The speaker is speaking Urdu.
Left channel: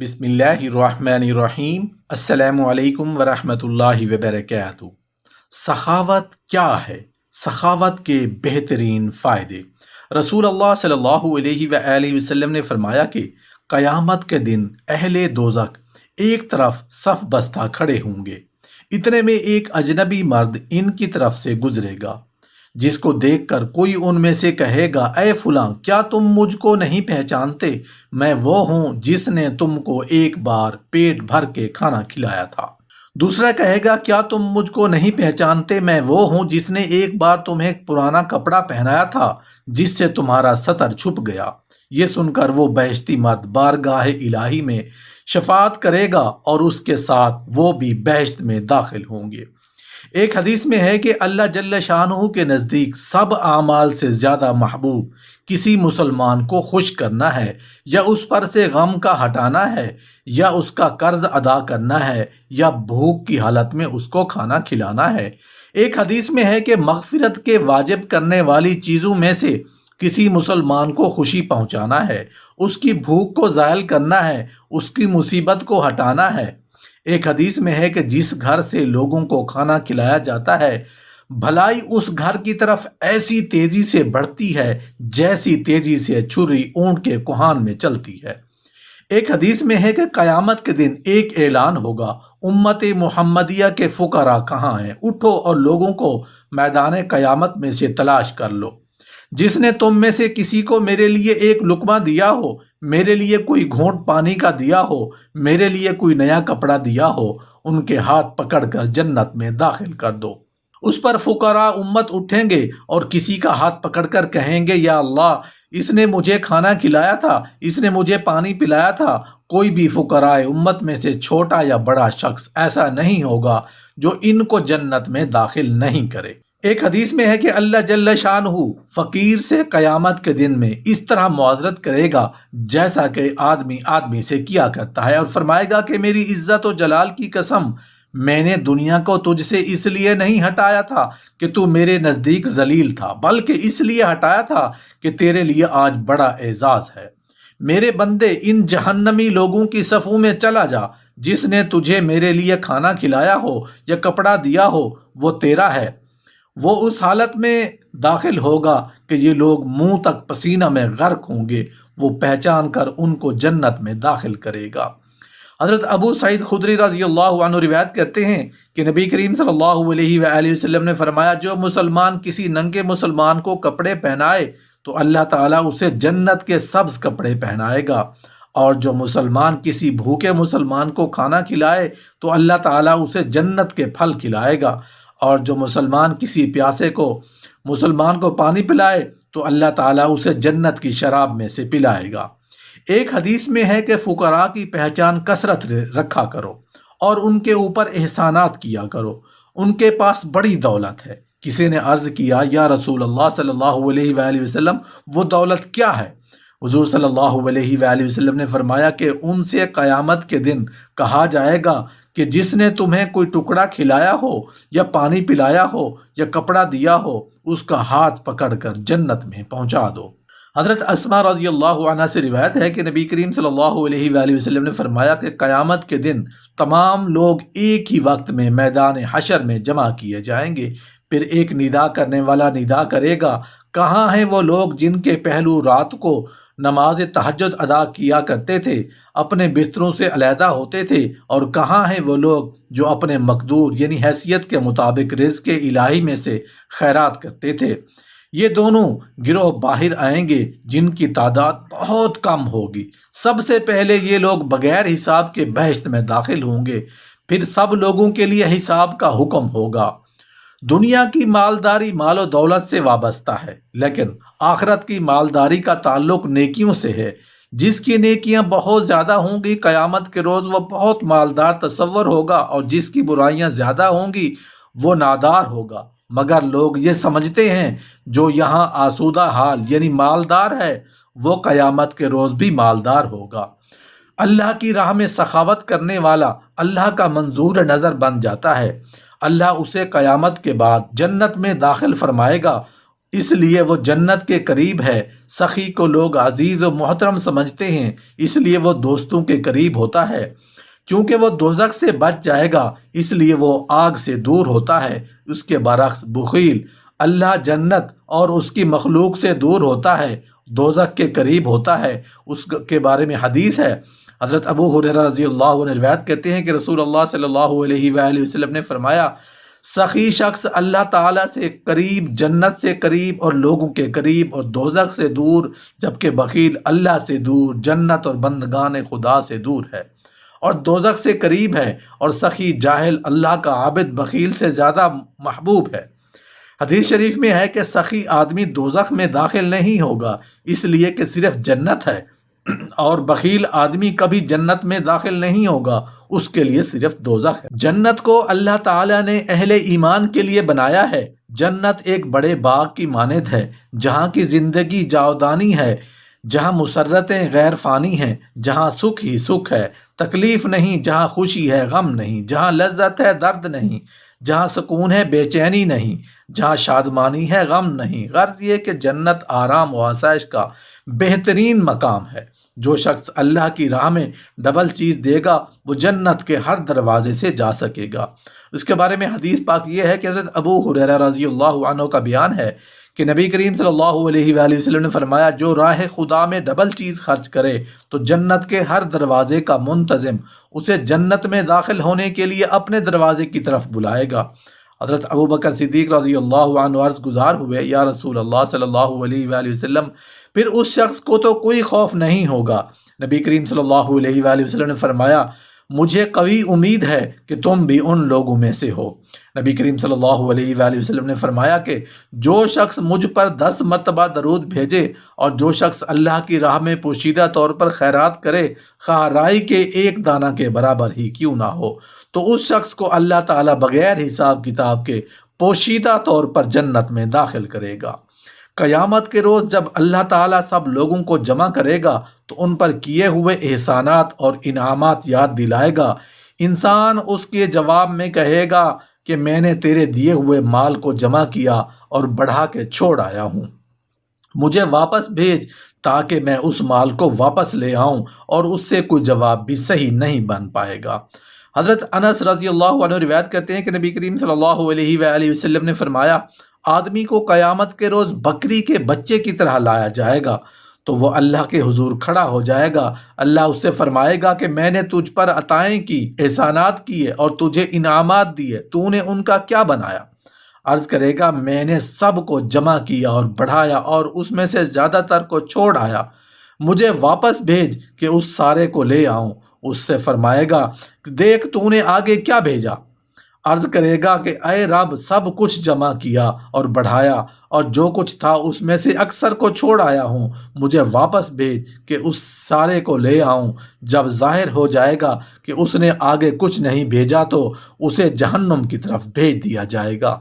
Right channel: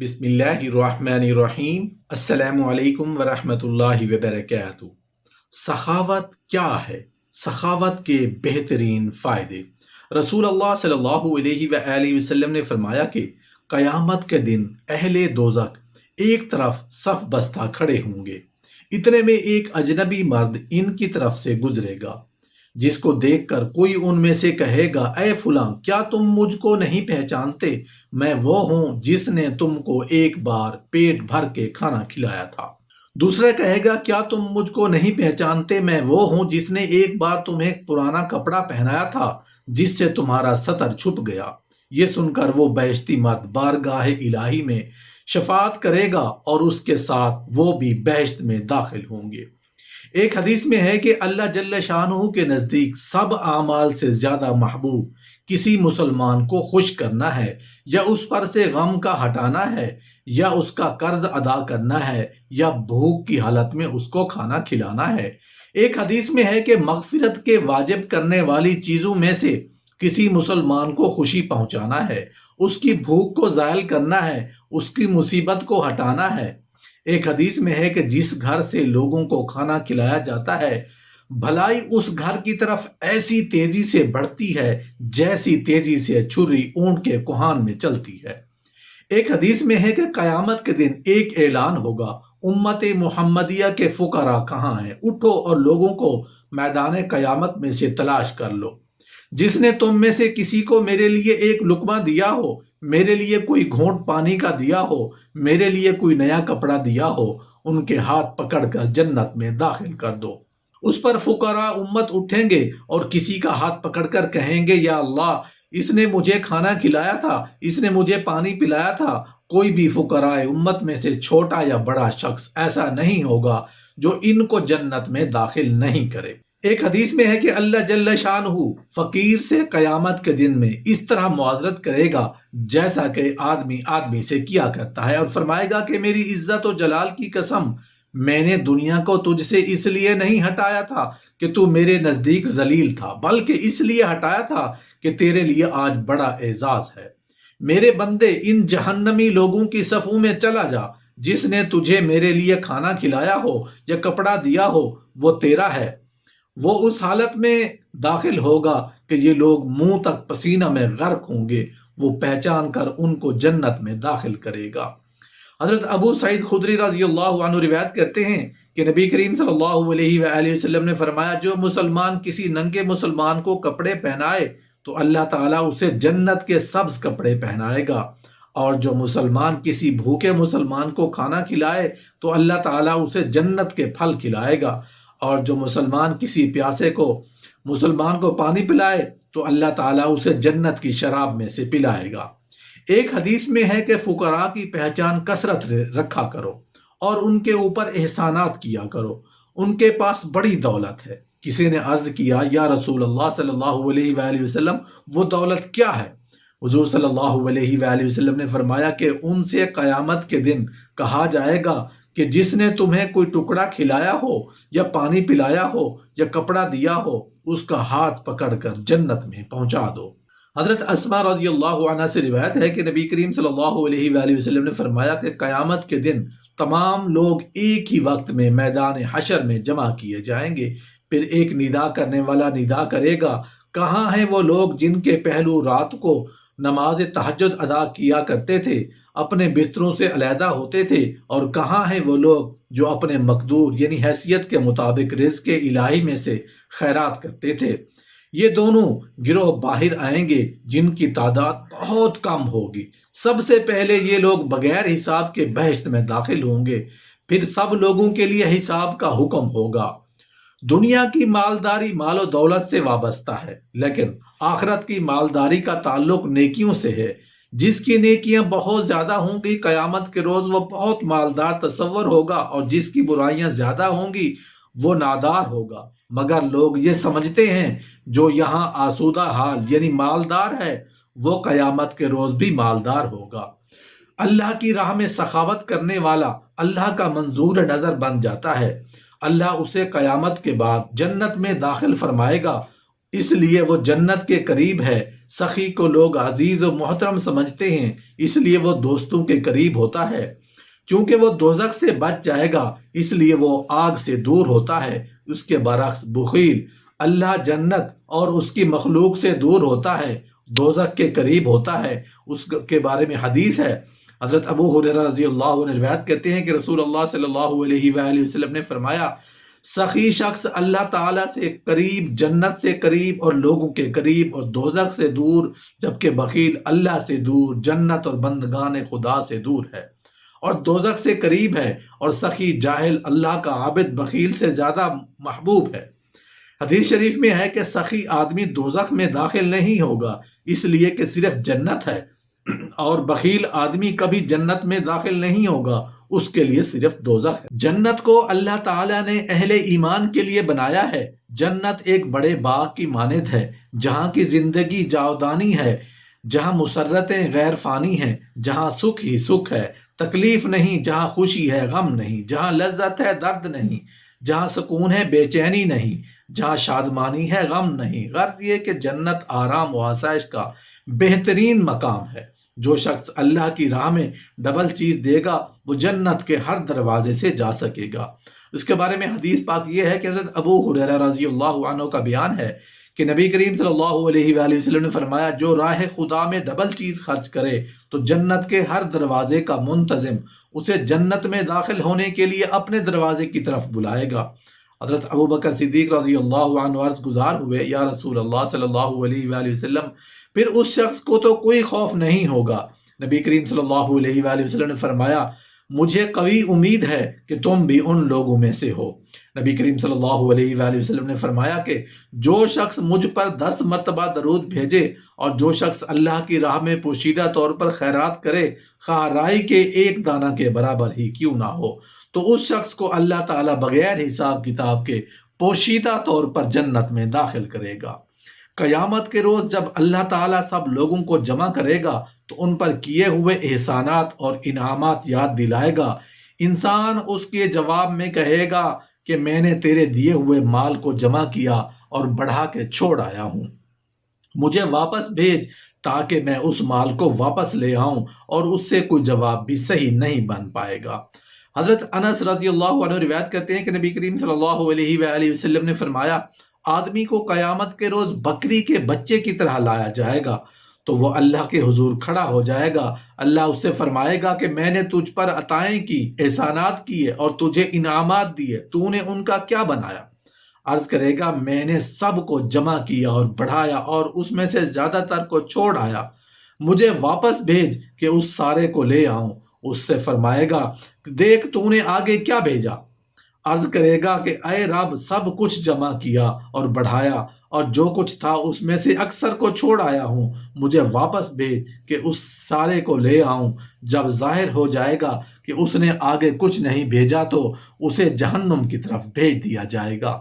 بسم اللہ الرحمن الرحیم۔ السلام علیکم ورحمۃ اللہ وبرکاتہ۔ سخاوت کیا ہے؟ سخاوت کے بہترین فائدے۔ رسول اللہ صلی اللہ علیہ وآلہ وسلم نے فرمایا کہ قیامت کے دن اہل دوزخ ایک طرف صف بستہ کھڑے ہوں گے، اتنے میں ایک اجنبی مرد ان کی طرف سے گزرے گا، جس کو دیکھ کر کوئی ان میں سے کہے گا، اے فلاں، کیا تم مجھ کو نہیں پہچانتے؟ میں وہ ہوں جس نے تم کو ایک بار پیٹ بھر کے کھانا کھلایا تھا۔ دوسرا کہے گا، کیا تم مجھ کو نہیں پہچانتے؟ میں وہ ہوں جس نے ایک بار تمہیں پرانا کپڑا پہنایا تھا جس سے تمہارا سطر چھپ گیا۔ یہ سن کر وہ بہشتی مرد بارگاہ الہی میں شفاعت کرے گا اور اس کے ساتھ وہ بھی بہشت میں داخل ہوں گے۔ ایک حدیث میں ہے کہ اللہ جل شانہ کے نزدیک سب اعمال سے زیادہ محبوب کسی مسلمان کو خوش کرنا ہے، یا اس پر سے غم کا ہٹانا ہے، یا اس کا قرض ادا کرنا ہے، یا بھوک کی حالت میں اس کو کھانا کھلانا ہے۔ ایک حدیث میں ہے کہ مغفرت کے واجب کرنے والی چیزوں میں سے کسی مسلمان کو خوشی پہنچانا ہے، اس کی بھوک کو زائل کرنا ہے، اس کی مصیبت کو ہٹانا ہے۔ ایک حدیث میں ہے کہ جس گھر سے لوگوں کو کھانا کھلایا جاتا ہے، بھلائی اس گھر کی طرف ایسی تیزی سے بڑھتی ہے جیسی تیزی سے چھری اونٹ کے کوہان میں چلتی ہے۔ ایک حدیث میں ہے کہ قیامت کے دن ایک اعلان ہوگا، امت محمدیہ کے فقراء کہاں ہیں؟ اٹھو اور لوگوں کو میدان قیامت میں سے تلاش کر لو۔ جس نے تم میں سے کسی کو میرے لیے ایک لقمہ دیا ہو، میرے لیے کوئی گھونٹ پانی کا دیا ہو، میرے لیے کوئی نیا کپڑا دیا ہو، ان کے ہاتھ پکڑ کر جنت میں داخل کر دو۔ اس پر فقراء امت اٹھیں گے اور کسی کا ہاتھ پکڑ کر کہیں گے، یا اللہ، اس نے مجھے کھانا کھلایا تھا، اس نے مجھے پانی پلایا تھا۔ کوئی بھی فقراء امت میں سے چھوٹا یا بڑا شخص ایسا نہیں ہوگا جو ان کو جنت میں داخل نہیں کرے۔ ایک حدیث میں ہے کہ اللہ جل شانہ فقیر سے قیامت کے دن میں اس طرح معذرت کرے گا جیسا کہ آدمی سے کیا کرتا ہے، اور فرمائے گا کہ میری عزت و جلال کی قسم، میں نے دنیا کو تجھ سے اس لیے نہیں ہٹایا تھا کہ تو میرے نزدیک ذلیل تھا، بلکہ اس لیے ہٹایا تھا کہ تیرے لیے آج بڑا اعزاز ہے۔ میرے بندے، ان جہنمی لوگوں کی صفوں میں چلا جا۔ جس نے تجھے میرے لیے کھانا کھلایا ہو یا کپڑا دیا ہو، وہ تیرا ہے۔ وہ اس حالت میں داخل ہوگا کہ یہ لوگ منہ تک پسینہ میں غرق ہوں گے، وہ پہچان کر ان کو جنت میں داخل کرے گا۔ حضرت ابو سعید خدری رضی اللہ عنہ روایت کرتے ہیں کہ نبی کریم صلی اللہ علیہ وآلہ وسلم نے فرمایا، جو مسلمان کسی ننگے مسلمان کو کپڑے پہنائے تو اللہ تعالیٰ اسے جنت کے سبز کپڑے پہنائے گا، اور جو مسلمان کسی بھوکے مسلمان کو کھانا کھلائے تو اللہ تعالیٰ اسے جنت کے پھل کھلائے گا، اور جو مسلمان کسی پیاسے کو مسلمان کو پانی پلائے تو اللہ تعالیٰ اسے جنت کی شراب میں سے پلائے گا۔ ایک حدیث میں ہے کہ فقراء کی پہچان کثرت رکھا کرو اور ان کے اوپر احسانات کیا کرو، ان کے پاس بڑی دولت ہے۔ کسی نے عرض کیا، یا رسول اللہ صلی اللہ علیہ وآلہ وسلم، وہ دولت کیا ہے؟ حضور صلی اللہ علیہ وآلہ وسلم نے فرمایا کہ ان سے قیامت کے دن کہا جائے گا کہ جس نے تمہیں کوئی ٹکڑا کھلایا ہو یا پانی پلایا ہو یا کپڑا دیا ہو، اس کا ہاتھ پکڑ کر جنت میں پہنچا دو۔ حضرت اسماء رضی اللہ عنہ سے روایت ہے کہ نبی کریم صلی اللہ علیہ وآلہ وسلم نے فرمایا کہ قیامت کے دن تمام لوگ ایک ہی وقت میں میدان حشر میں جمع کیے جائیں گے۔ پھر ایک ندا کرنے والا ندا کرے گا، کہاں ہیں وہ لوگ جن کے پہلو رات کو نماز تہجد ادا کیا کرتے تھے، اپنے بستروں سے علیحدہ ہوتے تھے، اور کہاں ہیں وہ لوگ جو اپنے مقدور یعنی حیثیت کے مطابق رزق الہی میں سے خیرات کرتے تھے؟ یہ دونوں گروہ باہر آئیں گے جن کی تعداد بہت کم ہوگی۔ سب سے پہلے یہ لوگ بغیر حساب کے بہشت میں داخل ہوں گے، پھر سب لوگوں کے لیے حساب کا حکم ہوگا۔ دنیا کی مالداری مال و دولت سے وابستہ ہے، لیکن آخرت کی مالداری کا تعلق نیکیوں سے ہے۔ جس کی نیکیاں بہت زیادہ ہوں گی، قیامت کے روز وہ بہت مالدار تصور ہوگا، اور جس کی برائیاں زیادہ ہوں گی وہ نادار ہوگا۔ مگر لوگ یہ سمجھتے ہیں جو یہاں آسودہ حال یعنی مالدار ہے، وہ قیامت کے روز بھی مالدار ہوگا۔ اللہ کی راہ میں سخاوت کرنے والا اللہ کا منظور نظر بن جاتا ہے۔ اللہ اسے قیامت کے بعد جنت میں داخل فرمائے گا، اس لیے وہ جنت کے قریب ہے۔ سخی کو لوگ عزیز و محترم سمجھتے ہیں، اس لیے وہ دوستوں کے قریب ہوتا ہے۔ چونکہ وہ دوزخ سے بچ جائے گا اس لیے وہ آگ سے دور ہوتا ہے۔ اس کے برعکس بخیل اللہ جنت اور اس کی مخلوق سے دور ہوتا ہے، دوزخ کے قریب ہوتا ہے۔ اس کے بارے میں حدیث ہے، حضرت ابو ہریرہ رضی اللہ عنہ روایت کرتے ہیں کہ رسول اللہ صلی اللہ علیہ وآلہ وسلم نے فرمایا، سخی شخص اللہ تعالیٰ سے قریب، جنت سے قریب اور لوگوں کے قریب، اور دوزخ سے دور، جبکہ بخیل اللہ سے دور، جنت اور بندگان خدا سے دور ہے اور دوزخ سے قریب ہے، اور سخی جاہل اللہ کا عابد بخیل سے زیادہ محبوب ہے۔ حدیث شریف میں ہے کہ سخی آدمی دوزخ میں داخل نہیں ہوگا اس لیے کہ صرف جنت ہے، اور بخیل آدمی کبھی جنت میں داخل نہیں ہوگا، اس کے لیے صرف دوزخ ہے۔ جنت کو اللہ تعالیٰ نے اہل ایمان کے لیے بنایا ہے۔ جنت ایک بڑے باغ کی مانند ہے جہاں کی زندگی جاودانی ہے، جہاں مسرتیں غیر فانی ہیں، جہاں سکھ ہی سکھ ہے، تکلیف نہیں، جہاں خوشی ہے غم نہیں، جہاں لذت ہے درد نہیں، جہاں سکون ہے بے چینی نہیں، جہاں شادمانی ہے غم نہیں۔ غرض یہ کہ جنت آرام و آسائش کا بہترین مقام ہے۔ جو شخص اللہ کی راہ میں ڈبل چیز دے گا وہ جنت کے ہر دروازے سے جا سکے گا۔ اس کے بارے میں حدیث پاک یہ ہے کہ حضرت ابو ہریرہ رضی اللہ عنہ کا بیان ہے کہ نبی کریم صلی اللہ علیہ وآلہ وسلم نے فرمایا، جو راہ خدا میں ڈبل چیز خرچ کرے تو جنت کے ہر دروازے کا منتظم اسے جنت میں داخل ہونے کے لیے اپنے دروازے کی طرف بلائے گا۔ حضرت ابو بکر صدیق رضی اللہ عنہ عرض گزار ہوئے، یا رسول اللہ صلی اللہ علیہ وآلہ وسلم، پھر اس شخص کو تو کوئی خوف نہیں ہوگا؟ نبی کریم صلی اللہ علیہ وآلہ وسلم نے فرمایا، مجھے قوی امید ہے کہ تم بھی ان لوگوں میں سے ہو۔ نبی کریم صلی اللہ علیہ وآلہ وسلم نے فرمایا کہ جو شخص مجھ پر 10 مرتبہ درود بھیجے اور جو شخص اللہ کی راہ میں پوشیدہ طور پر خیرات کرے، خواہ رائی کے ایک دانہ کے برابر ہی کیوں نہ ہو، تو اس شخص کو اللہ تعالیٰ بغیر حساب کتاب کے پوشیدہ طور پر جنت میں داخل کرے گا۔ قیامت کے روز جب اللہ تعالیٰ سب لوگوں کو جمع کرے گا تو ان پر کیے ہوئے احسانات اور انعامات یاد دلائے گا۔ انسان اس کے جواب میں کہے گا کہ میں نے تیرے دیے ہوئے مال کو جمع کیا اور بڑھا کے چھوڑ آیا ہوں، مجھے واپس بھیج تاکہ میں اس مال کو واپس لے آؤں، اور اس سے کوئی جواب بھی صحیح نہیں بن پائے گا۔ حضرت انس رضی اللہ عنہ روایت کرتے ہیں کہ نبی کریم صلی اللہ علیہ وآلہ وسلم نے فرمایا، آدمی کو قیامت کے روز بکری کے بچے کی طرح لایا جائے گا تو وہ اللہ کے حضور کھڑا ہو جائے گا۔ اللہ اس سے فرمائے گا کہ میں نے تجھ پر عطائیں کی، احسانات کیے اور تجھے انعامات دیے، تو نے ان کا کیا بنایا؟ عرض کرے گا، میں نے سب کو جمع کیا اور بڑھایا اور اس میں سے زیادہ تر کو چھوڑ آیا، مجھے واپس بھیج کہ اس سارے کو لے آؤں۔ اس سے فرمائے گا، دیکھ تو نے آگے کیا بھیجا؟ عرض کرے گا کہ اے رب، سب کچھ جمع کیا اور بڑھایا، اور جو کچھ تھا اس میں سے اکثر کو چھوڑ آیا ہوں، مجھے واپس بھیج کہ اس سارے کو لے آؤں۔ جب ظاہر ہو جائے گا کہ اس نے آگے کچھ نہیں بھیجا تو اسے جہنم کی طرف بھیج دیا جائے گا۔